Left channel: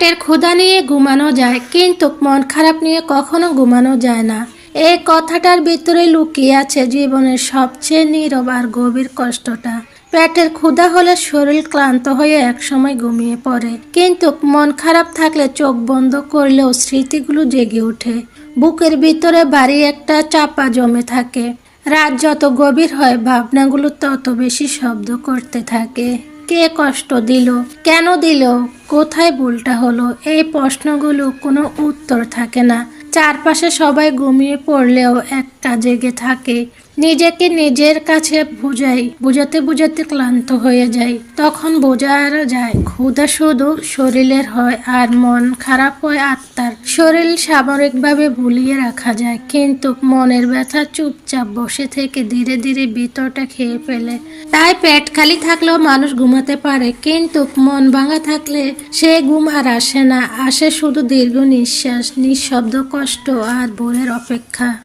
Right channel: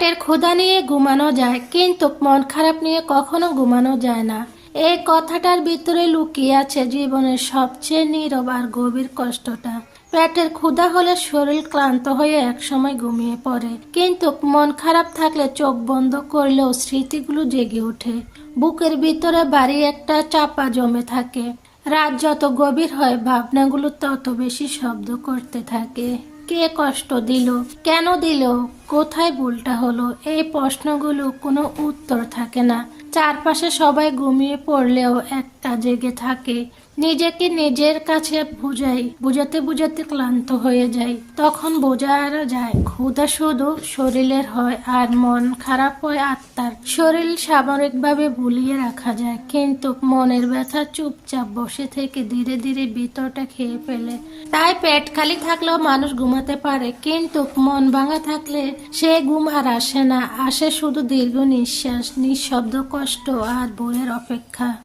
পেটের ক্ষুধা নিয়ে ঘুমানো যায়, কিন্তু মন খারাপ নিয়ে কখনো ঘুমানো যায় না। এই কথাটার ভিতরে লুকিয়ে আছে জীবনের সবচেয়ে নীরব আর গভীর কষ্টটা। পেটের ক্ষুধা হলে শরীর ক্লান্ত হয়ে একসময় ঘুমিয়ে পড়ে, কিন্তু মন খারাপ থাকলে চোখ বন্ধ করলেও স্মৃতিগুলো জেগে ওঠে। বুকের ভিতরে ভারী একটা চাপা জমে থাকে। রাত যত গভীর হয় ভাবনাগুলো তত বেশি শব্দ করতে থাকে। কে কষ্ট দিল, কেন দিল, কোথায় ভুলটা হলো, এই প্রশ্নগুলো কোনো উত্তর থাকে না। চারপাশে সবাই ঘুমিয়ে পড়লেও একটা জেগে থাকে। নিজেকে নিজের কাছে বুঝাতে বুঝাতে ক্লান্ত হয়ে যায়। তখন বোঝা যায় ক্ষুধা শুধু শরীরের হয় আর মন খারাপ হয় আত্মার। শরীর সাময়িকভাবে ভুলিয়ে রাখা যায়, কিন্তু মনের ব্যথা চুপচাপ বসে থেকে ধীরে ধীরে ভিতরটা খেয়ে ফেলে। তাই পেট খালি থাকলেও মানুষ ঘুমাতে পারে, কিন্তু মন ভাঙা থাকলে সে ঘুম আর আসে না। আসে শুধু দীর্ঘ নিঃশ্বাস, নিঃশব্দ কষ্ট আর ভোরের অপেক্ষা।